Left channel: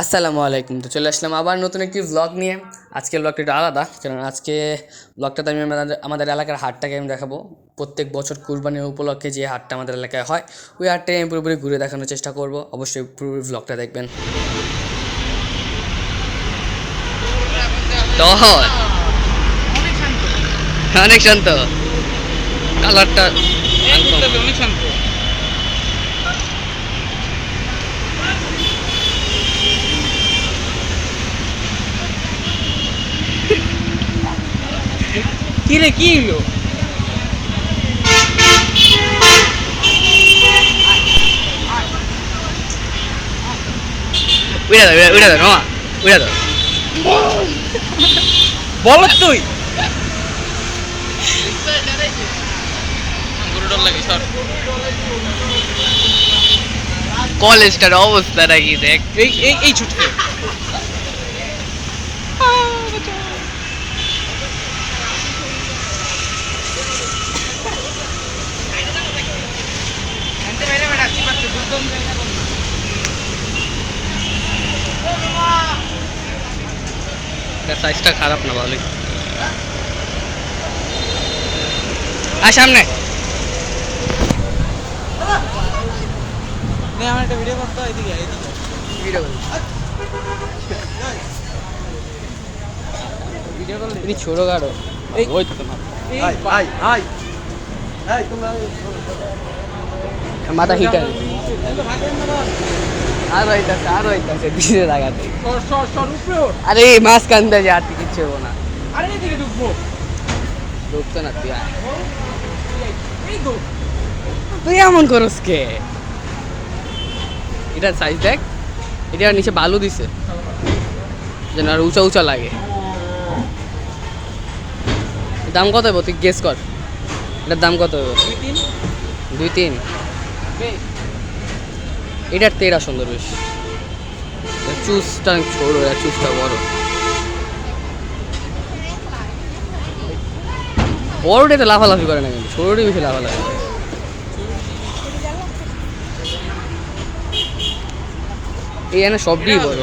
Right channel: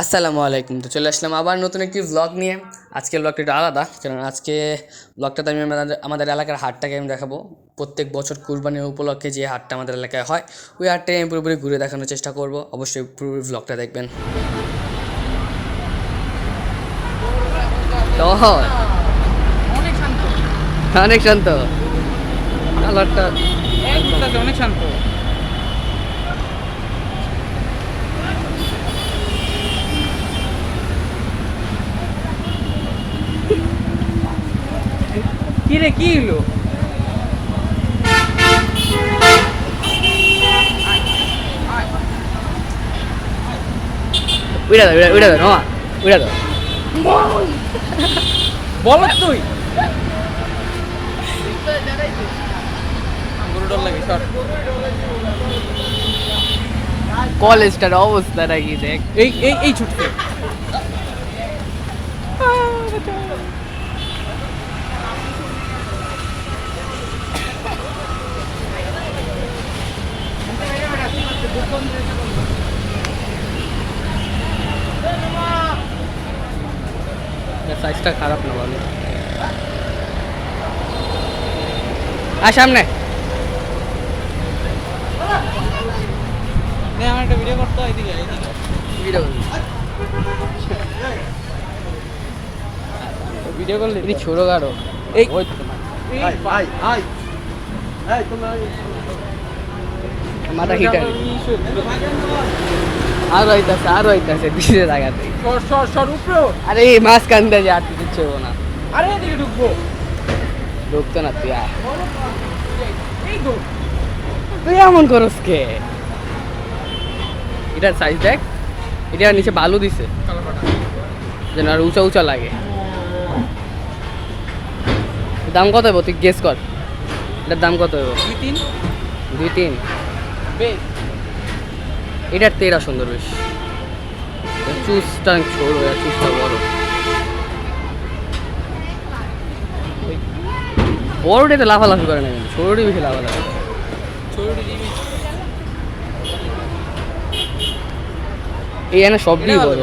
আসসালামু আলাইকুম। তো চলে আসলাম আবার নতুন একটি ব্লগ নিয়ে। আজকের ব্লগটা একটু আলাদা, কারণ আজকে ব্লগটাতে আমি আমাদের এলাকার হাটটাকে আমি দেখাবো। প্রত্যেক বছর কুরবানির উপলক্ষে যে হাটটা আমাদের এলাকায় হয়, ওই হাটটাই আমি পুরোপুরি ঘুরে দেখানোর চেষ্টা করব। অবশ্যই পুরোপুরি ব্লগটা দেখবেন। টহল অনেক শান্ত, কালারটা অনেক শান্ত। কি রে, কি হলো? উড়া দাও, উড়া দাও, মামা উড়া দাও। বল তুই কলেজটার অবস্থা নাকি দেখ। এই এই এই ছুটতে সাইজটা খারাপ না, ভালোই। আর সামনে আমার একটা ভিডিও করতে হয়, ভিডিও করলে ছোট গাড়ো মাথা হিটার আর হইতাছে পিছিয়ে লাগাতে। আরে মাছ কান্দা যে আর কিচ্ছু হবো না। ঢুকতো না তুই, তুই এমন করস কে? এটার সাইজ দেখ, এটা নিচে বালু দিছে যেন আর উঁচা উঁচা লাগে। দাম কত হইব তুই গেস কর, এটার দাম কত হইব? 2-3। এটার তেরা সুন্দর বেশ, চুজটা ছোট, চুজটা বড়। বড়টাতে লাফালাফি করে না, কিন্তু ছোটটি বেশি লাফালাফি করে। এই না সবই বড়।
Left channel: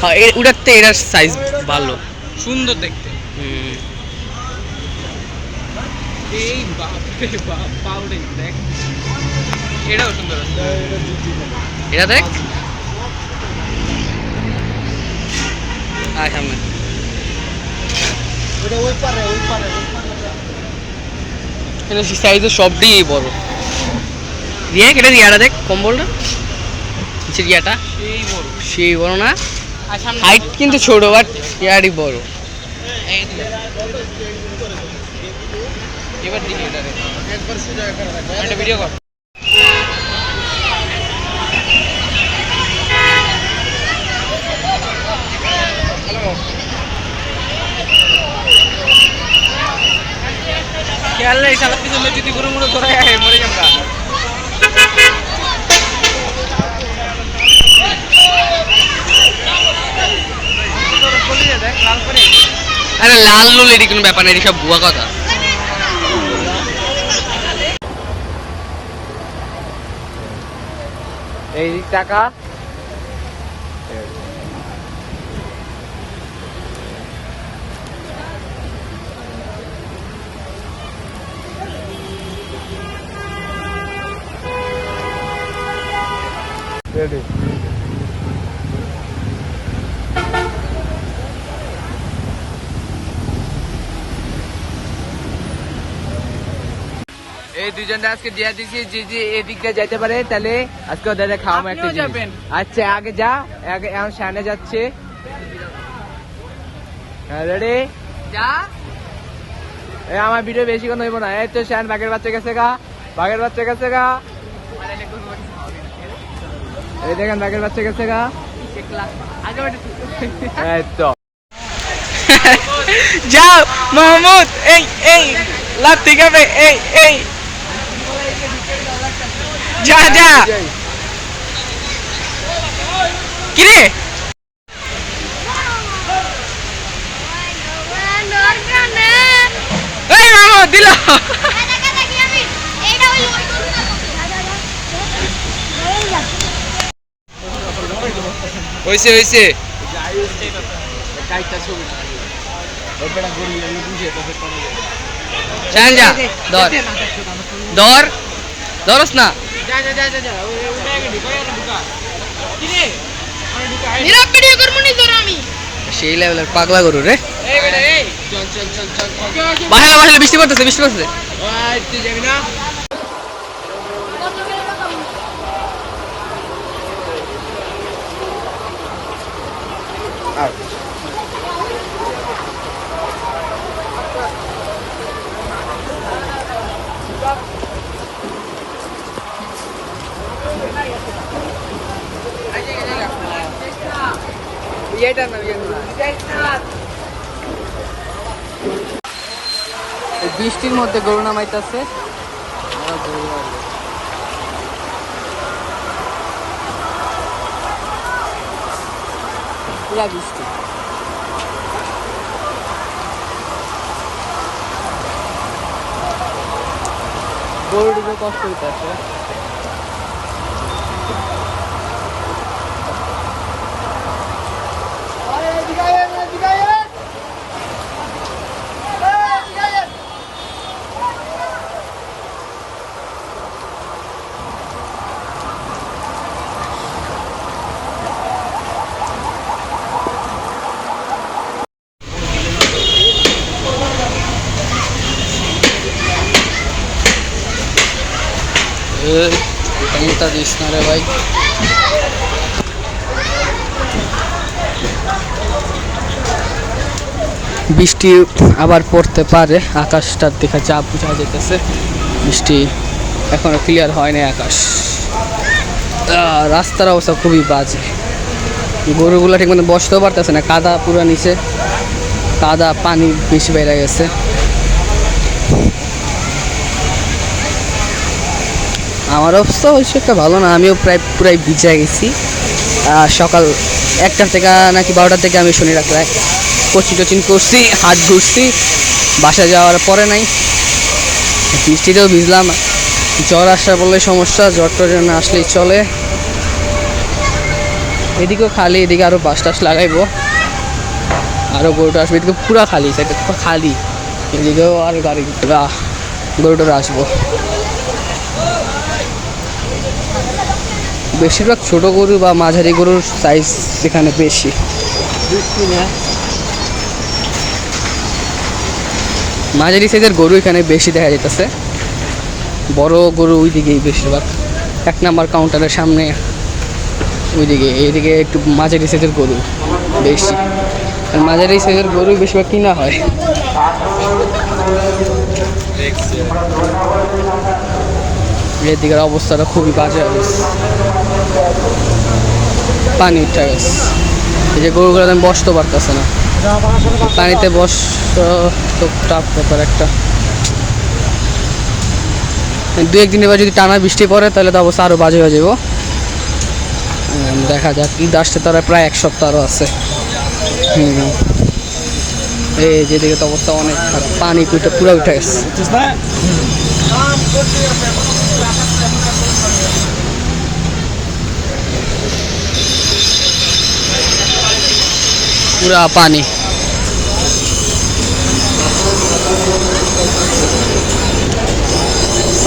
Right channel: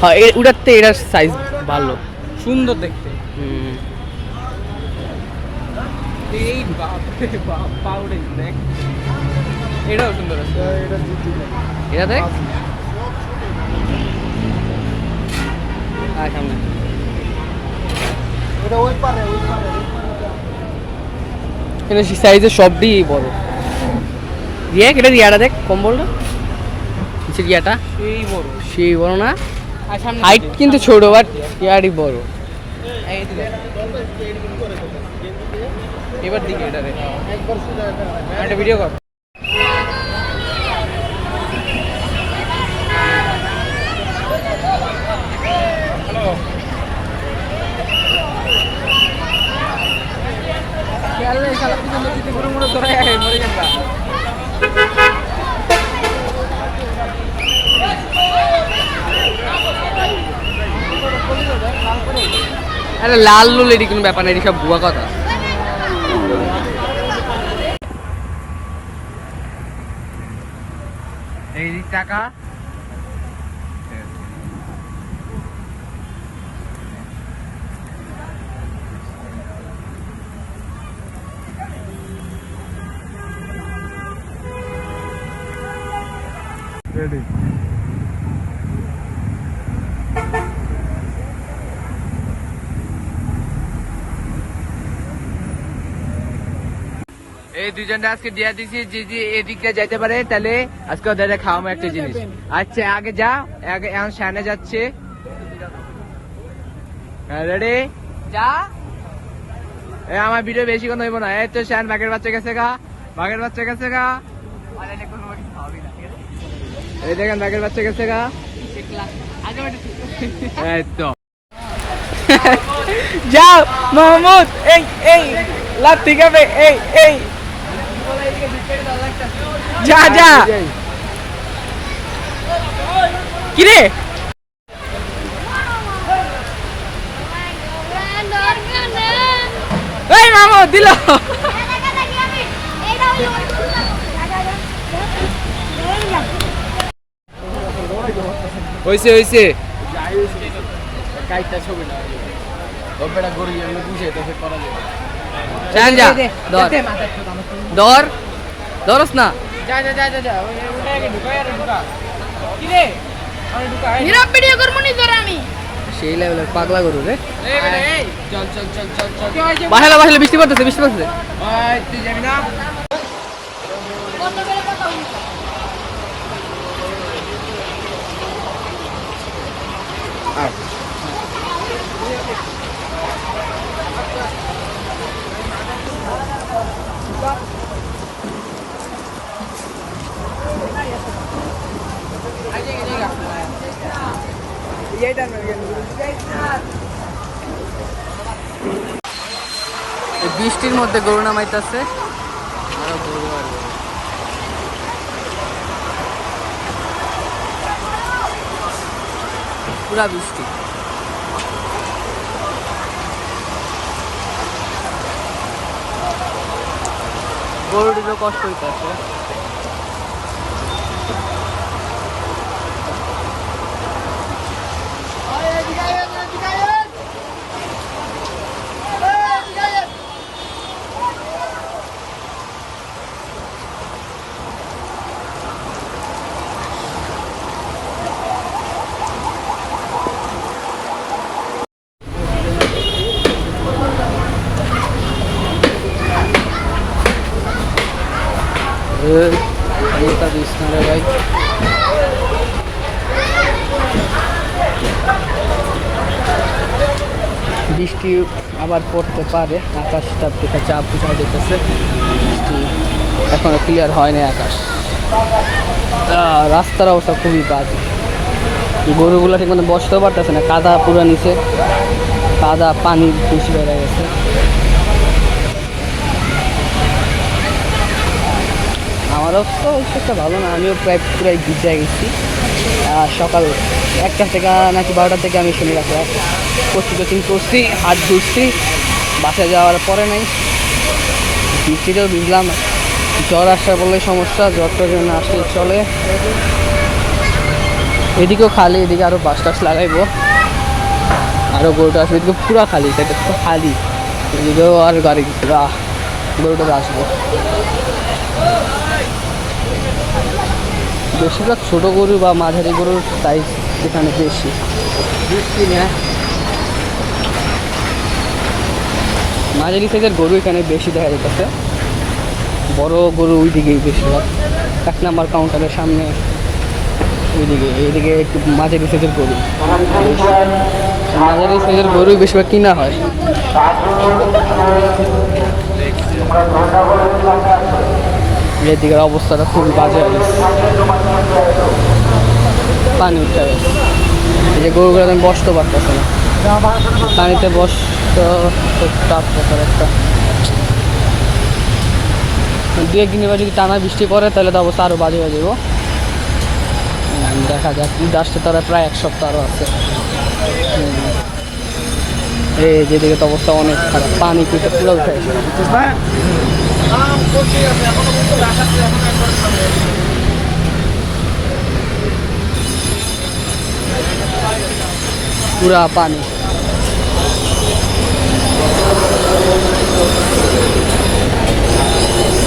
হ্যাঁ, ওটাতে এটার সাইজ ভালো, সুন্দর দেখতে। এটাও সুন্দর, এটা দেখ। সামনে সাইজের সবটি বড়। রিয়া এটা রিয়াটা দেখ, কম্বলটা নিচের রিয়াটা সেই বড় না, হাইট কিন্তু ছোট, বাট রিয়ারই বড়। এবার দিকে এটা রে একবার সোজা একটা ভিডিও কর। খেয়াল নেই সালা, পিছনে যদি গরু মরে ধরায় মরে যাবা। আরে লাল লুল এটি কোনো ব্যাপার না, এটি সব ভুয়া কথা। এই টাকা রেডি। এই দুজনটা আজকে দিয়া দিছি, যে যে এদিকটা যাইতে পারে তাহলে আজকে ওদের খাওয়াবো একটা জিনিস। আচ্ছা আগে যা, আগে এখন সামনে যাচ্ছে। রেডি যা। এই আমার ভিডিও বেশি কোনো হইব না। এই তো শান বাঘের বাচ্চা গেছে গা, বাঘের বাচ্চা গেছে গা। এই দেখেন বাঘের বাচ্চা গেছে গা। এই তো যাও মাহমুদ, এই এই লাভ ঠিক হবে। এই এই যা যা। কিরে এই মাহমুদ দিল। হইছে হইছে যা ধর ধর ধরস না সেই লেভেলের পাগলা গরু রে বাহেলা বাহেলা বৃষ্টি পড়তেছে বৃষ্টি পড়তেছে বৃষ্টির মধ্যে গরু নামাইতেছে পুরা বৃষ্টি গরুটিকে কষ্ট হইতেছে পানিটা দিস না রে ভাই বৃষ্টি আবার পড়তে পারে আকাশটার দিকে চাপ বুঝা যেতেছে বৃষ্টি এখনো ক্লিয়ার হয়নি আকাশ রাস্তার অবস্থা খুবই বাজে গরুগুলো ঠিক মতো বসতেও পারতেছে না কাদা পুরো নিচে কাদা পানি বেশি বেড়ে গেছে আমার অবস্থা ওই একটা ভালো না আমিও পুরাই ভিজে গেছি সকাল 1টা থেকে নাকি 12টা থেকে আমি শুনে রাখলাম কোচিং টোচিং করছি হাত ঘুরছি বাসা যাওয়ার পরে নাই বৃষ্টিতেও ভিজলাম জ্বর আসা বললে সমস্যা জ্বরটার জন্য আসলেই চলে এদিকেও খালি এদিকে আরও বাস টাস লাগাইবো আরও গরুটা আসবে এদিকে পুরো খালি সেটা পুরো খালি এদিকেও আর গাড়ি গরুটা আসবো বেশিরভাগ ছোটো গরু বা মাঝারি গরুর সাইজ এখানে বেশি মাঝারি সাইজের গরু এখানে বেশি দেখা যেতেছে বড় গরু ওই দিকেই বেশিরভাগ 1 নাম্বার কাউন্টারের সামনে ওইদিকে এইদিকে একটু মাঝারি সাইজের গরু বেশি মাঝারি সাইজের গরুই বেশিরভাগ কিনা হয় এদিকের অবস্থাটা খুবই বাজে আর পানি উঠে গেছে এই যে গরুগুলো আমি বসতে পারতেছে না পানিতে তো টাফ ব্যাপার একটা 2-1 দিনের পর যদি টানা বৃষ্টি পড়ে তাহলে তো অবস্থা আরও বাজে হয়ে যাবো দেখা যাক ঈদ আসতে তারা প্রায় 1 সপ্তাহ আরও আছে এই যেদিকে তো অবস্থা অনেক খারাপ পানি পুরো উঠে গেছে পুরা পানি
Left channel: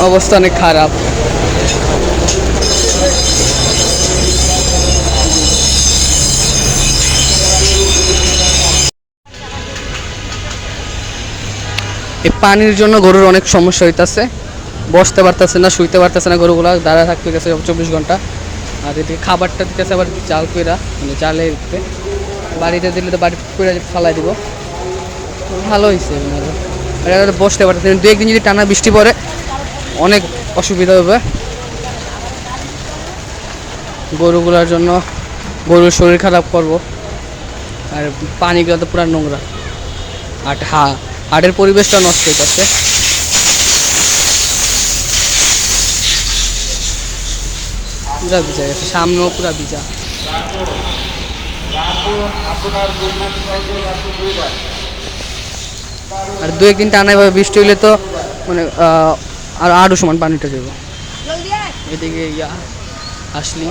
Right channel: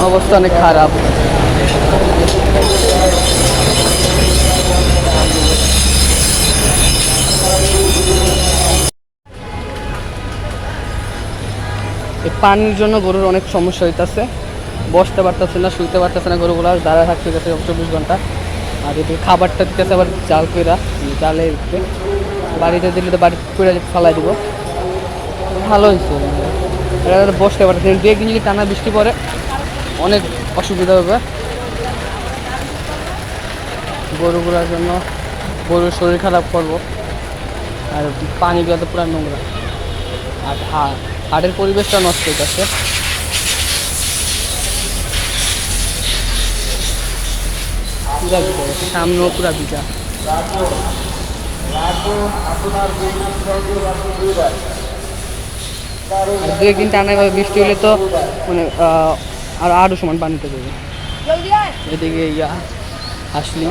অবস্থা অনেক খারাপ এই পানির জন্য গরুর অনেক সমস্যা হইতেছে বসতে পারতেছে না শুইতে পারতেছে না গরুগুলো দাঁড়ায় থাকতে গেছে 24 ঘন্টা আর এদিকে খাবারটা দিতেছে আবার জাল কইরা মানে জালে দিতে বাড়িতে দিলে তো বাড়ি কইরা ফালাই দিব ভালো হয়েছে বসতে পারতেছে 2-1 দিন যদি টানা বৃষ্টি পড়ে অনেক অসুবিধা হবে গরুগুলোর জন্য গরুর শরীর খারাপ করবো আর পানিগুলো তো পুরো নোংরা আর হাটের পরিবেশটা নষ্ট হইতেছে পুরা ভিজা গেছে সামনেও পুরা ভিজা আর 2-1 দিন টানা এভাবে বৃষ্টি হলে তো মানে আরও সমান পানিটা যাবে এদিকে আসলি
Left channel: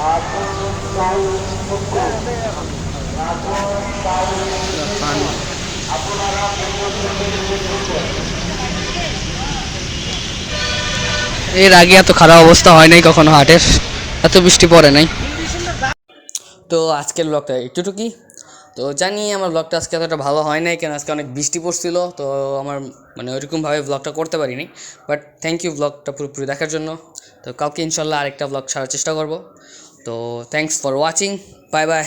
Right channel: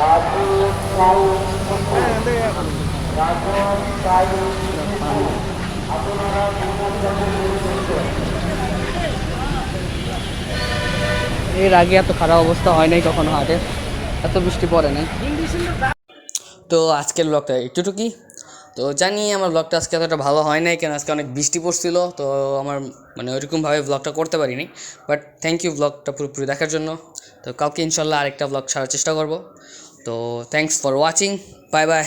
এর আগে এত খারাপ অবস্থা হয় নাই কখনো হাটের, এত বৃষ্টি পড়ে নাই। তো আজকের ব্লগটা একটুটুকুই। তো জানি আমার ব্লগটা আজকে এতটা ভালো হয় নাই, কেন আজকে অনেক বৃষ্টি পড়ছিল, তো আমার মানে ওইরকমভাবে ব্লগটা করতে পারিনি। বাট থ্যাংক ইউ ব্লগটা পুরোপুরি দেখার জন্য। তো কালকে ইনশাল্লাহ আরেকটা ব্লগ ছাড়ার চেষ্টা করব। তো thanks for watching, bye bye.